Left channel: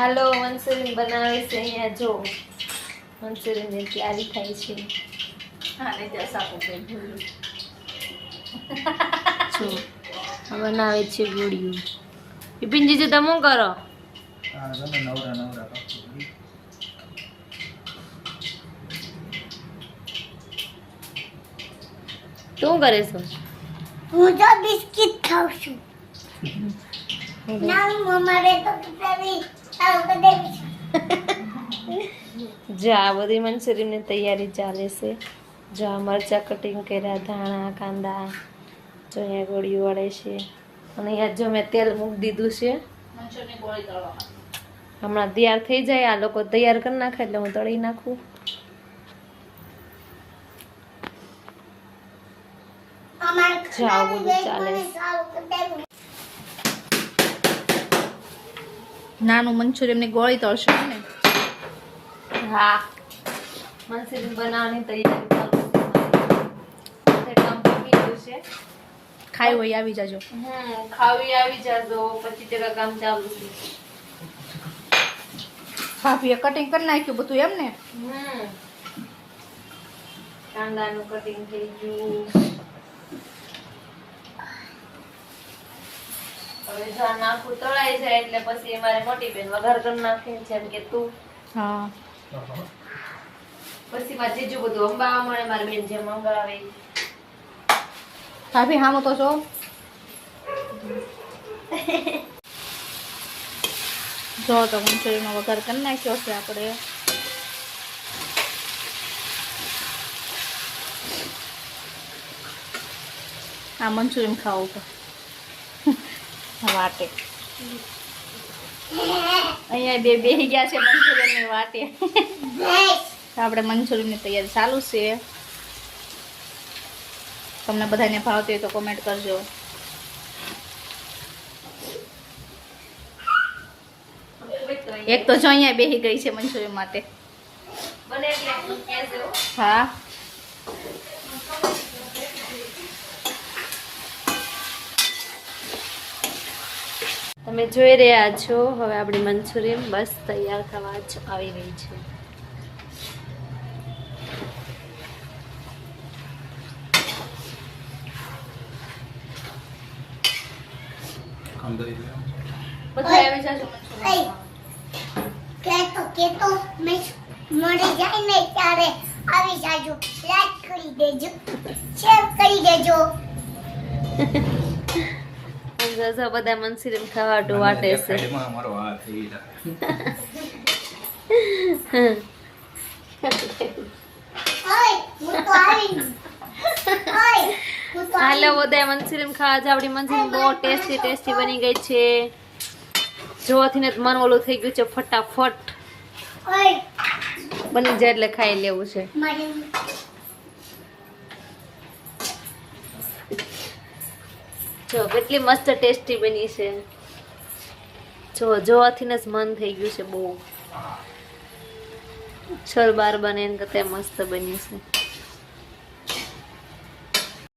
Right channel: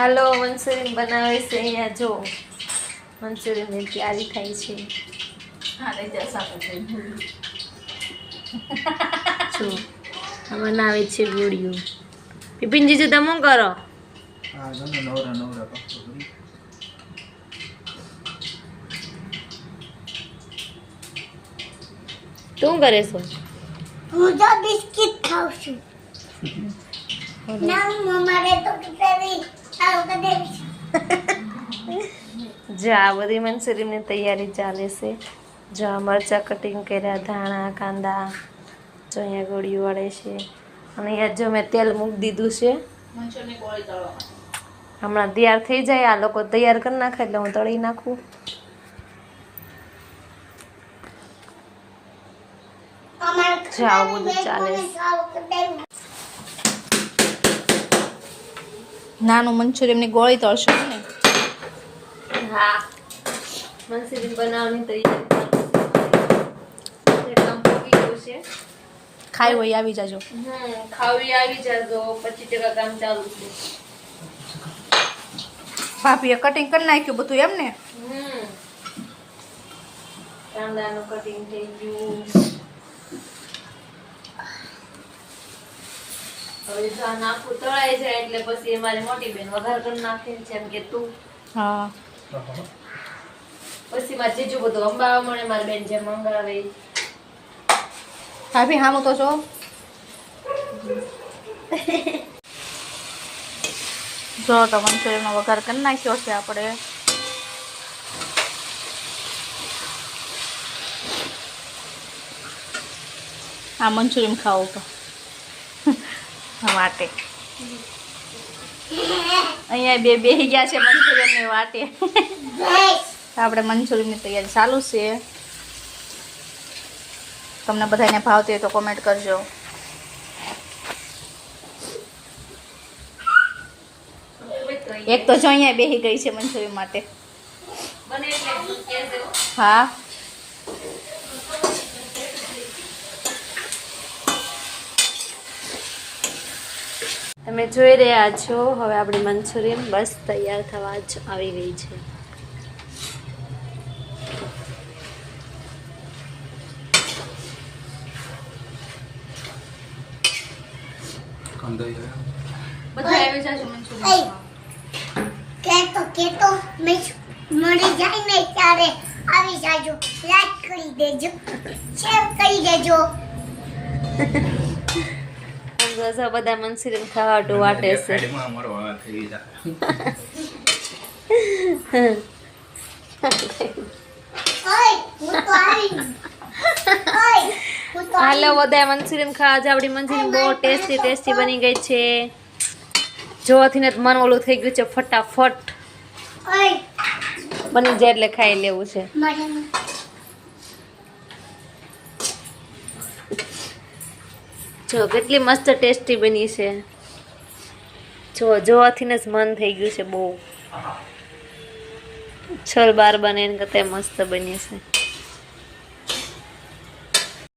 હાલો Manchurian બનાવે છે અહીંયા જો મંચુરિયનની તૈયારી થાય છે જો બનાવે છે ગોળીઓ બિપિનજી જો તમે શું કરો તું કરે છો હું તો બિસ્કિટ ખાઉં છું ના મમ્મારે તો કિતરી આવું કદે જો આ બધી મંચુરિયનની તૈયારી ચાલે છે જો આ મરચાં કટિંગ કર્યા ધાણા કાંદા જો અહીંયા ગોળીઓ વળે છે અને અહીંયા જો મેં તેલ મૂકી દીધું છે હમણાં તૈયાર થઈ જાય આ લોકો તૈયાર કરી નાખે એટલે હું તળી નાખું જો આવું બધું ચાલે છે નાનું મંચુરિયનની ગોળી તળશો ને હા મંચુરિયન બનાવવાની તૈયારી કામ પૂરી ગયું છે ખાઈ હોય આવી જાજો ખાવી આવી જાજો 25% કામ ચાલુ છે ભાભીએ કટિંગ કરી નાખ્યું બધું એમ ને કાંદાનું કટિંગ થઈ ગયું હવે જો નાખું તળાઈ જાય એટલે પછી અમારે મોટી બેન વઘાર કરી નાખે જેમ કે તું હા પછી મારે જીજુ બધું અંબાવા મળે મારી બેન જેમ અંબાવે ભાભી હામું તો જો જો તો મંચુરિયનનો વઘાર કરી નાખ્યો છે આપણે આ મંચુરિયન ખાવું તો વાટે અહીંયા બેહી ગયા છે મંચુરિયનની વાટે આપણે મંચુરિયનની તૈયારી ચાલુ છે તમને બધાને ભાવતી હોય તો કોમેન્ટ કરજો એક તો જો અહીંયા બેહી ગઈ છે મંચુરિયન માટે હા તમે જોઈ રહ્યા છો હવે આપણી મંચુરિયન બસ તૈયાર થવા જ આવી ગઈ છે કેતો મેં મળી જાય ને ત્યારે આવી જાજો લાઈક કરી દેજો શેર કરી દેજો બધા મંચુરિયન ખાવા વાટે છે હાલો બધા મંચુરિયન ખાવા છે આપણી મંચુરિયન બહુ ટેસ્ટી બની ગઈ છે જોવાથી ને મન ઓલું થઈ ગયું છે ફટાફટ બની જાય એટલે ખાઈ લેવું છે જો કેટલી મસ્ત ટેસ્ટી બની છે જો જોવાથી ને જ મન થઈ ગયું છે બહુ છલ બાર બને ને કરતા મસ્ત બની છે